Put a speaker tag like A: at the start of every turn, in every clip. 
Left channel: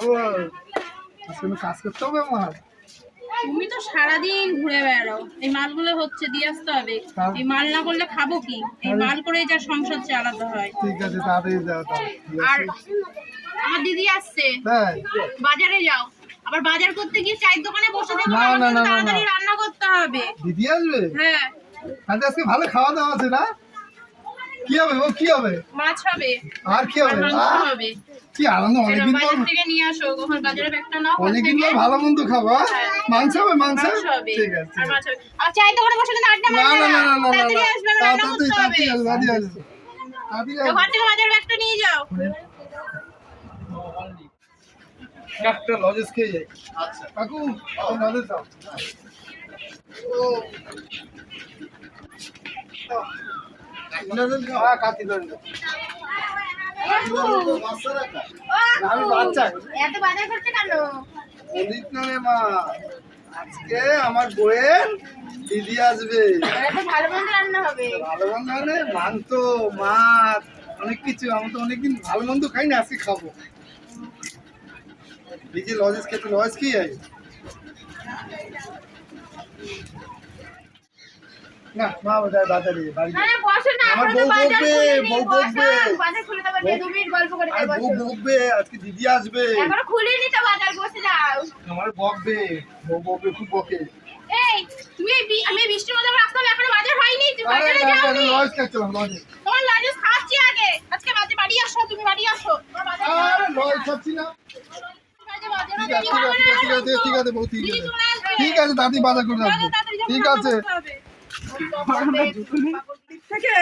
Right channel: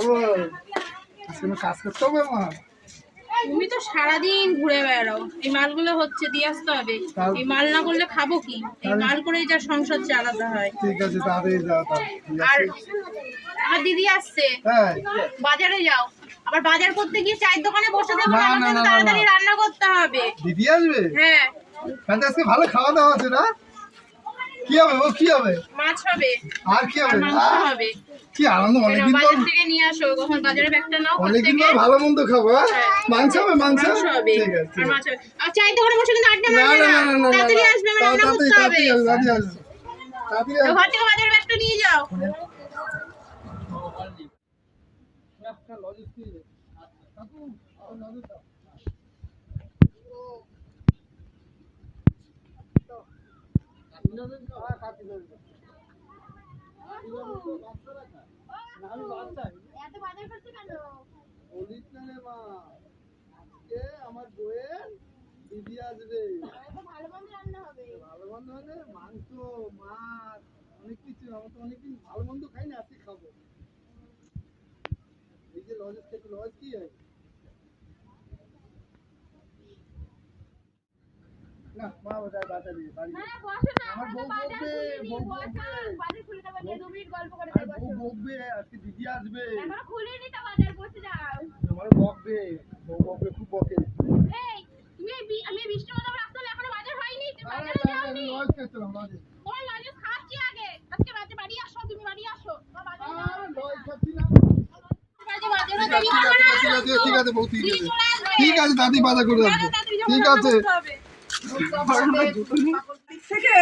A: ও আজকে আমি কাজ করতে হবে আমার?
B: তুমি তো সারাদিন ঘুরে বেড়াও। এই মালগুলো হচ্ছে দিয়ে আসতে হবে। এই মাল না করলে খাব কি? এই মাল যা সংসার চালাতে হয়।
A: ঠিক আছে তাড়াতাড়ি যাও
B: আর আমার দিদি আসছে। বাজারে যাও। আবার বাজার করতে গিয়ে চায়ের দোকানে বসে
A: না,
B: তাড়াতাড়ি রান্না করতে হবে।
A: দিদি আসবে?
B: হ্যাঁ।
A: আজকে ভালো খাওয়া দাওয়া আছে না? কি হবে? ও কি হবে?
B: মাছ হবে।
A: আর কি হবে?
B: মাংস হবে।
A: কি আনন্দ অনেকদিন পর
B: থেকে নিয়ে আসো কখন বাজারে ব্যাগটা নাও
A: অনেকদিন পর ভালো মন্দ খাব হ্যাঁ? মাংস হবে মাংস?
B: হবে।
A: ঠিক আছে।
B: আর
A: ঠিক আছে।
B: মাছ হবে। আর চায়ের দোকানে বসে কিন্তু আড্ডা মারবে
A: না না। না না না
B: তাড়াতাড়ি আসবে আমার রান্না করতে হবে।
A: তাড়াতাড়ি আসবে। তাড়াতাড়ি আসবে
B: ঘর থেকে বাজার ব্যাগটা নিয়ে যাও।
A: একটা লজেস খেয়ে যাই। আচ্ছা। কাকু লজেস দাও। দেন আমি বাচ্চা
B: এত বাজার করতে কেন?
A: বলিস না মা আজকে আমার বইয়ের দিদি আসবে।
B: ভালো মন্দ রান্না হবে।
A: ভালো মন্দ মানে মাংস মাছ অনেক কিছু। আমি তো অনেকদিন ভালো মন্দ খাই না আজকে খাব। যে লজেস খেতে লজ কি আছে? না মা বোধহয় বাজারে বাড়ি আমার বউ বকবে, বউ বকবে। বউ বকবে আজকে দিদি আসবে।
B: খুলিনি তো বাজার বসে যাও।
A: আমার বকবে বউ বকবে খুব বকে।
B: এই তুমি আমি বৃষ্টির মধ্যে এখনও বাজার হয়নি? তুমি বাজারে
A: না, না,
B: যাওনি
A: লজ খাচ্ছিলাম লজে
B: তোমার লাজেস খাচ্ছি আগে। আজকে বাড়ি আসো তুমি বাড়ি আসো।
A: আরে লজ খাচ্ছি না। ঠিক আছে ঠিক আছে ঠিক
B: দাদি
A: বাধা করে ঠিক আছে।
C: থেকে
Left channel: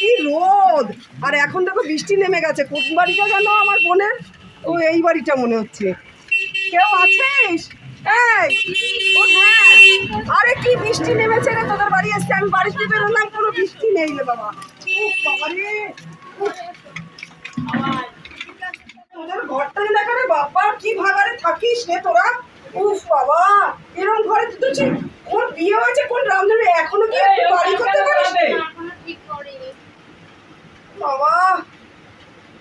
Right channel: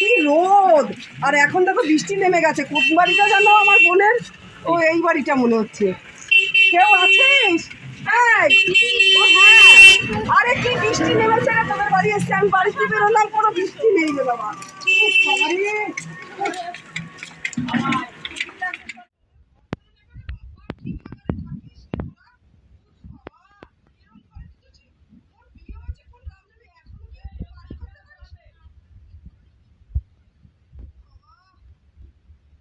C: কি রোদ? আর এখন দেখো বৃষ্টি নেমে গেছে। কোন বাড়িটা জানো আমার বোনের? ও এই বাড়িটা মনে হচ্ছে। কেউ আছিস? হ্যাঁ। আরে কি বৃষ্টি নেমেছে রে তোদের বাড়ি এসছে আমি বাড়িতে বেরোলাম কোনো বৃষ্টি নেই রে বাবা। তোদের ঘরটা দেখা রে বাবা কি ভাগারে থাকিস রে তোরা? উফ বাবা। এরকম ঘরে তুই তো কোন বিয়ে হয়েছে কোন রামধনু এখনও কি একটু বাড়ি করতে পারিস
B: এখনও ঠিক করিনি।
C: বাবা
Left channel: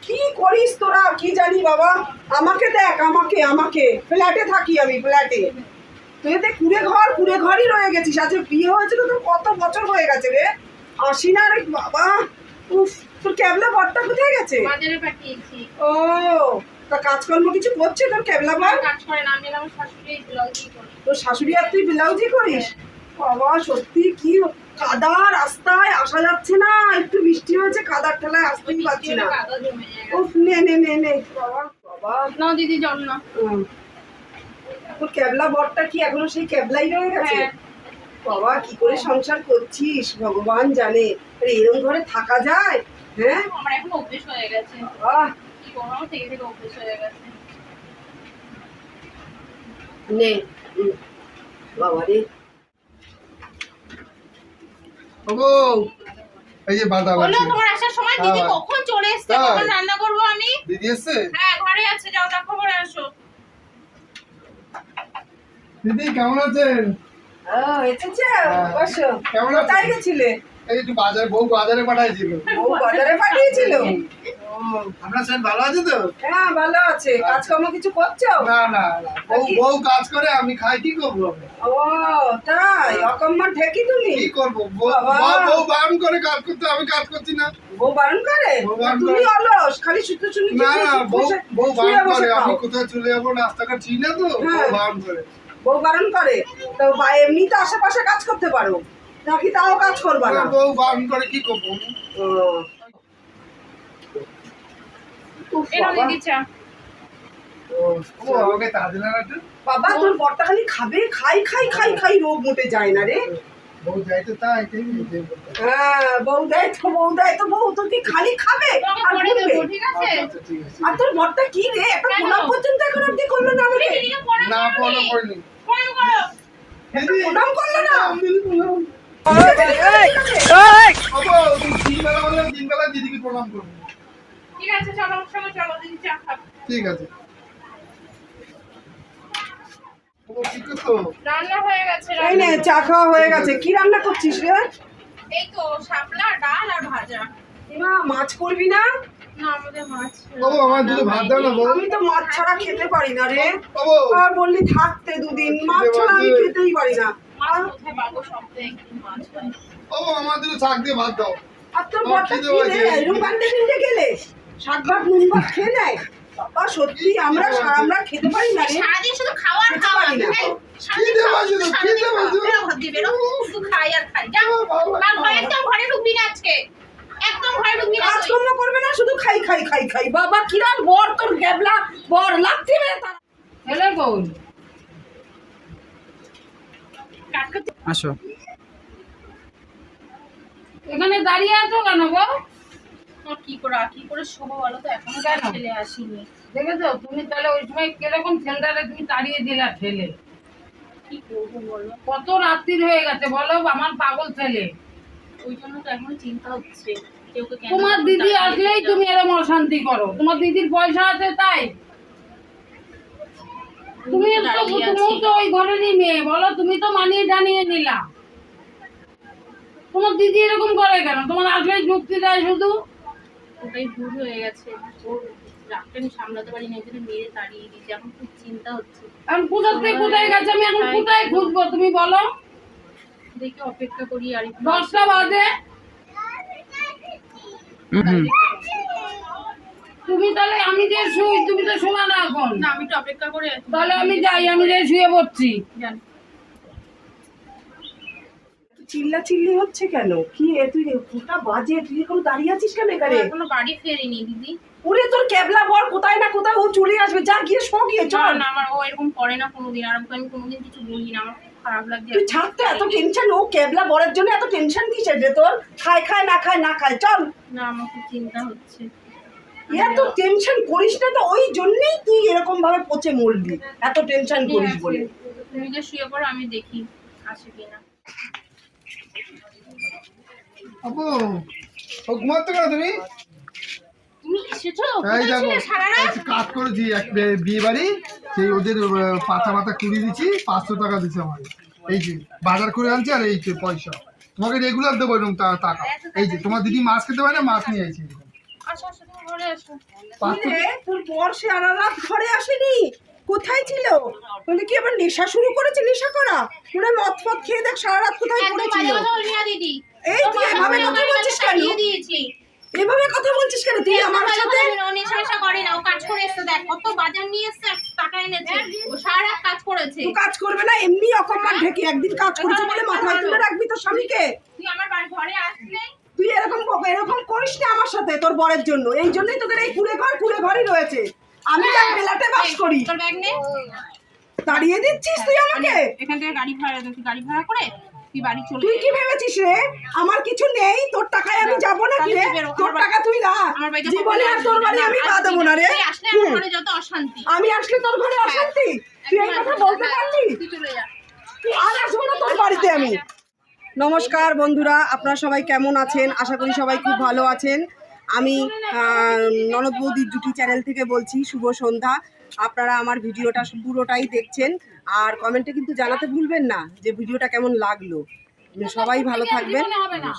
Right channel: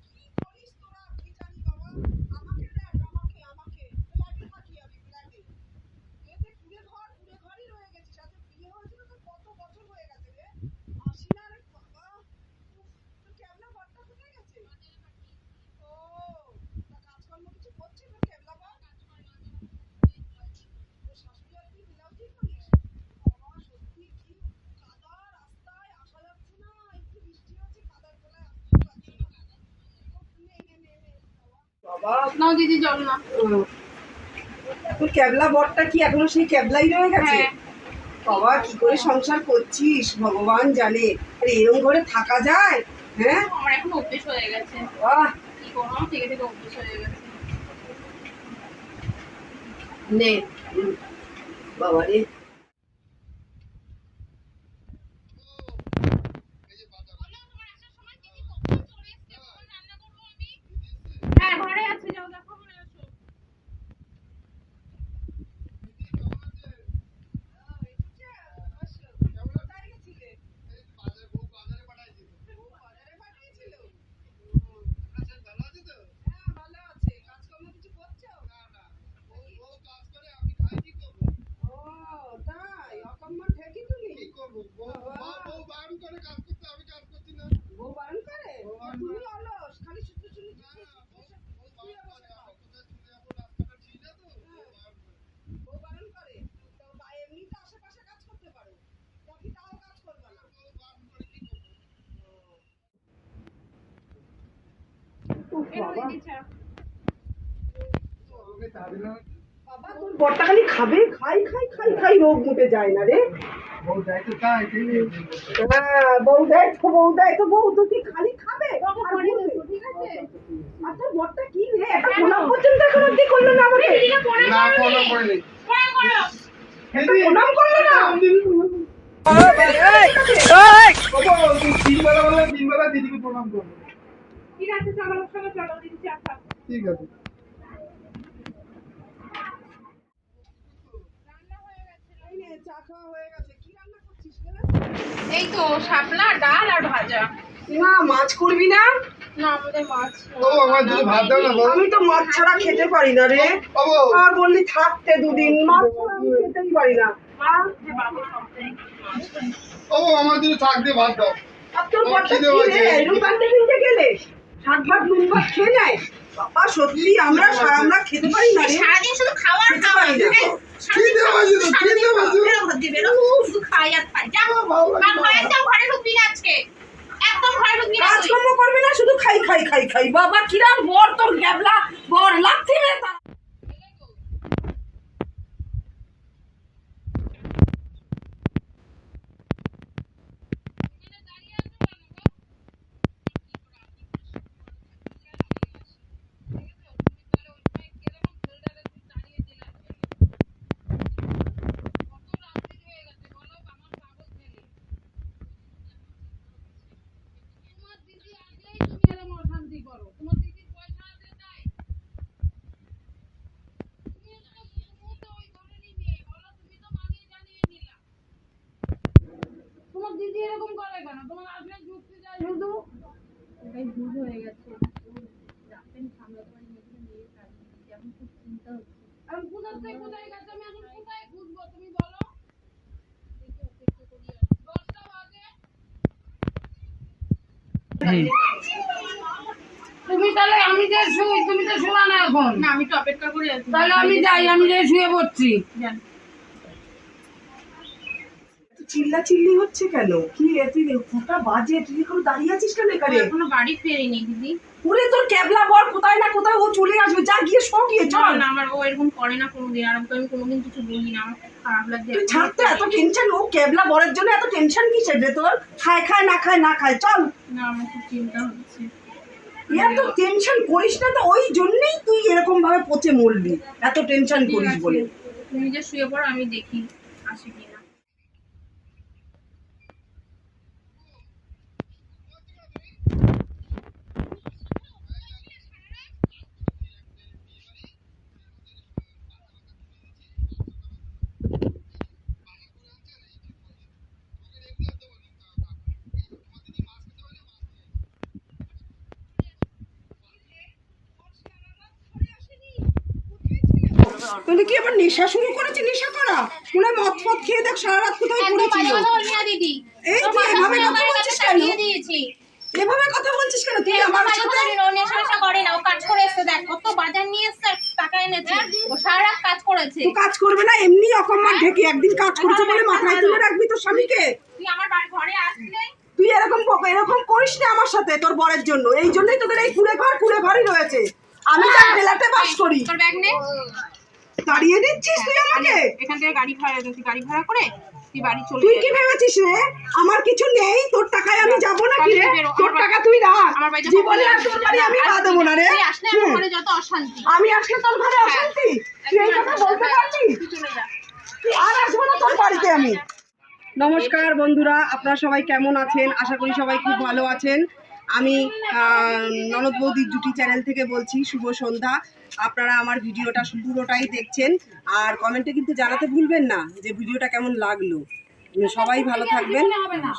C: কি করিস তোরা কি জানি বাবা আমাকে দেখ আমাকে আমাকে। ফ্ল্যাটে থাকি আমি ফ্ল্যাটে। তুই দেখ কুড়ে ঘর কুড়ে ঘরই রয়ে গেছিস। আজকে বিয়ে হয়েছিল তো কত বছর হয়ে গেছে রে? আসি না রে বাবা। উফ তোর ক্যাবলা ঘরটা কোথায় গেছে?
B: বাজারে পাঠিয়েছি।
C: ও তা কাজকর্ম কিছু করছে তোর ক্যাবলা ঘর
B: কাজ করে না। আমি আমার শাশুড়ি ব্লাউজই করি।
C: তোর শাশুড়ি আর তুই ব্লাউজই করিস? বাবা সত্যি কি কাদা রাস্তায় আসা যাচ্ছে না একটু বৃষ্টি হয়েছে কাদার ঠেলায় আসতেই পারছি না। উফ নে নে নে নে বাবা বাবা।
B: নাও দিদি জল না
C: তোর ক্যাবলা বরটা কি এখনও সেই ক্যাবলাই রয়ে গেছে?
B: হ্যাঁ।
C: বাবা কি করে সংসার করছিস? ভগবান জানে। আরে এরম ঘরে থাকা যায়? হ্যাঁ?
B: আমার এখন অভ্যেস হয়ে গেছে।
C: বাহ।
B: কি করব? থেকে থেকে অভ্যেস হয়ে গেছে।
C: নে। বাবা রে।
A: ওগো এই যে
B: বাদাম
A: আছে
B: তোমার আসার সময় দিদি
A: হ্যাঁ।
B: কখন চলে এসছে? কখন রান্না করব আমি?
A: দিদি এসছে?
B: হ্যাঁ ঘরে আছে যাও দেখো করে আসো।
A: দিদি কেমন আছেন?
C: ও, এসেছে?
A: হ্যাঁ।
C: বসো।
A: কেমন আছেন?
C: কোথায় গেছিলে?
A: এই একটু বাজার বউ বাজারে পাঠিয়েছিল
C: ও বাজারে পাঠিয়েছিল?
A: আপনার ভালো আছে তো?
C: হ্যাঁ ভালো আছে। কাজকর্ম কিছু করছ?
A: না না। বউ বউ কাজ করে আমি খাই কি করব
C: ও তাই? অকম্মা ঠেকি তুমি?
A: কি করব? বউ। বউ- বউ বারণ করে কাজ করতে আমি কাজ করছি না।
C: বউ বারণ করে?
A: বউ
C: তুমি। অলস খালি শুধু
A: না না বউ বউ বারণ করে আমি। কোথায় চলে যাব? ঠিক না তো? বউ
C: হ্যাঁ।
A: বারণ করে।
C: বউ বারণ করে? তো বা- এমনি তো আশেপাশে কাজ করতে পারো। নাকি তাও কাজ করবা না?
A: বউ বারণ করে কি করব?
C: ও। বাবা। তোর বরটা খালি খাবে? খাই খাই খাই খাই রোগ মুটে যায় না রে।
A: বউ যাই তো তাই
C: হ্যাঁ বউ দেয় তো বউ দেয় তো বউ তো কি খালি খাবে? আর ঘুরবে।
B: দেবো ঠিক আছে?
A: ঠিক আছে।
C: আর তোর বরটা কি রে? একটা
B: কেন?
C: পর্যন্ত এখন অব্দি করল না আমাকে।
B: দিদিকে
A: না ফলো করলি
B: পরে করো।
A: দিদি
C: প্রণাম করল না?
A: দিদি প্রণাম। বাবা তুই তিনবেলা বলল তিনবেলা দিদিকে প্রণাম করব।
B: ঠিক আছে চলো আমার সঙ্গে চলো দিদি চা খাবে।
A: ঠিক আছে। ও কি করতো
B: রান্না হয়ে গেছে
C: এই নে চা খাওয়া হয়ে গেছে। কি রান্না করছিস রে?
B: এই তো শাপলা ডাল আর ভাজা।
C: মা মাছ করবি না?
B: না আমাদের মাছ
A: বাবু আমার দুটো ভাত দাও না
C: আমি তো মাছ ছাড়া খেতে পারি না রে। আর বললি থাকতে দুদিন মাছ ছাড়া আমি খেতেই পারি না।
A: ও আমার দিয়ে ভাত দাও।
C: আর তোর কি রে? গেলে শাক ভাত নুন ভাত খেয়ে নেয় বাবা সত্যি আমরা আমরা খেতে পারি না রে
B: সারাদিন শুধু খাওয়ার
C: খেতে
B: খাওয়ার
C: পারি না।
A: খিদে পাচ্ছে তো, খিদে
B: খাও, বেরো ঘর দিয়ে বেরো। শুধু খাই আর খাই। যা,
A: ভালো লাগে
B: আর
A: না।
B: ঘরে একদম ঘরে ঢুকবি না আজকে। একদম ঘরে ঢুকবি না
C: কাজকর্ম করবে না শুধু খাই খাই খাই খাই বাবা কিরাম বর তোর গ্যাবলা বর লাগছে রে তার
B: হেলে বল।
D: আসো
B: এখানে দাঁড়িয়ে আছো কেন গো কি করে কি করে শোবো বলো তো? এখনও ছেলে আসেনি।
E: দেখেছ? তুমি তাহলে ওই সময় কীরকম ছেলেটারে তুমি তাড়িয়ে দিলা ছেলে
B: কি করব বলো?
E: কত রাত্রির হয়ে গেছে বলো আমার পাগল ছেলে।
B: ওই জন্য তো এখনও চিন্তা হচ্ছে
E: তোমার দিদি আসলেই তুমি এরকম অশান্তি করো। তোমার দিদির পয়সা আছে তাই। তুমি তো ওই ঘরেরই মেয়ে বলো? তুমি তো মানিয়ে জানিয়ে নিলা। তোমার দিদি এরকম করে কেন? তোমার আসলেই যুক্তি দেয় শুধু?
B: ওটাই ভুল হয়ে গেছে। ওর রাগটা আমি সামলাতে পারি না জন্য মেরে তাড়িয়ে দিয়েছি। এখন খুব চিন্তা হচ্ছে।
E: এখন থেকে কোথায় গেছে? আমি এখন কোথায় খুঁজবো? তুমি বলো।
B: দেখে অপেক্ষা করি আর
E: দশটা বাজে। তুমি তাহলে আমি যে শুই তুমি তো শোনা না এখন।
B: না আমি একটু অপেক্ষা করি
E: তাহলে আমি যাই আমি যে শুয়ে পড়ছি।
B: যান।
C: চিল্লা চিল্লি হচ্ছে কেন? কি এ তুই কোটা বাজে তুই এখন দাঁড়িয়ে আছিস কেন এখানে?
B: এখনও বাড়ি ফেরেনি দিদি।
C: ওরে তোর ক্যাবলা বর কোথায় না কোথায়? ও চলে আসবে। যা গিয়ে শো গিয়ে চল।
B: না আমার ও এরকম করে না কোনোদিন। আর আমি কোনোদিন কিছু বলি না। আমার খারাপ
C: তুই তো এত টেনশন ও ক্যাবলা বরের জন্য এত টেনশন কিসের রে তোর? খায় খায় না খায় না খায়। চল।
B: না আমার খুব চিন্তা হচ্ছে।
C: এত টেনশন করিস না তো। ওই জন্যই তুই এরকম ভাবে পচে মরবি। এত টেনশন করিস বলে।
B: তুমি যে শুয়ে পড়ো আমি দেখি আসে কিনা।
A: আপু ও ঘুমাতে কেন তুমি?
B: তুমি
A: এই দেখো কাজ করেছি এক বিয়ে বাড়ি সেই ওদের পাতা পাতা কুড়িয়ে দিচ্ছি পাঁচশো টাকা দিচ্ছে আমার এই যে বাজার করে আনছি আর এই যে পয়সা। তোমাকে রেগুলার দেবো এরকম টাকা। এই যে তোমার দিদি মাছ খেতে পারে না মাছ নিয়ে আইছি।
C: তোর বর সারা রাত ঘরে আসেনি? কোথায় ছিল? তুই কি আবার নেশা শুরু করেছে? নেশা করা? মনে হয় মদ ফদ খেয়ে দেখ সারা রাত কোথায় পড়েছিল। এই তুই এভাবে কথা বলছিস কেন? এভাবে কথা বলছিস কেন? তুই আমার সাথে
B: নেশা করে না ও কাজ করে এসছে দেখ কত বাজার নিয়ে এসছে টাকা এনেছে। ও সারা রাত কাজ করেছে।
C: তুই কাজ করবে না এমনি অকম্মার ঢেকে একদিন কাজ করেছে বলে মাথায় তুলে রাখবি তোর স্বামীকে?
B: তুই আমার ঘরে আসলেই
C: তুই এরকম এরকম করিস না আমার সাথে তোর বরের জন্য। এই জন্যই তোদের এই কুড়ে ঘর কুড়ে ঘরই রয়েছে। আমি তার বেলাতে বাস করি।
B: তোর ব্যাগ নে?
C: তাড়িয়ে দিচ্ছিস তুই আমাকে?
B: এখান থেকে গাড়ি ভাড়া তুই গাড়ি ভাড়া করে তুই বাড়ি চলে
C: তুই কি ভেবেছিস রে? আমার কিছু নেই তোর টাকায় আমি যাব না কি রে? তোর টাকা তুই রাখ। জীবনে আর তোর বাড়ি আমি পা দেবো না রে।
B: তুই আসলে আমার ঘরে যত অশান্তি।
C: আমি আসলে তোর ঘরে অশান্তি? তুই এই কথা বলতে পারলি
B: তুই চলে যা।
C: তুই আর আসব না তোর বাড়িতে আমি। নমস্কার বন্ধুরা আপনারা সবাই কেমন আছেন? আশা করি সবাই খুব ভালো আছেন। আমি ননদ বৌদির জুটি চ্যানেল থেকে বলছি শুভ সন্ধ্যা। আপনারা আমার ভিডিওটা পুরোটাই দেখছেন। আর কমেন্টে কিন্তু জানাতে ভুলবেন না যে ভিডিওটা কেমন লাগল। সবাই ভালো থাকবেন।
E: হবে না।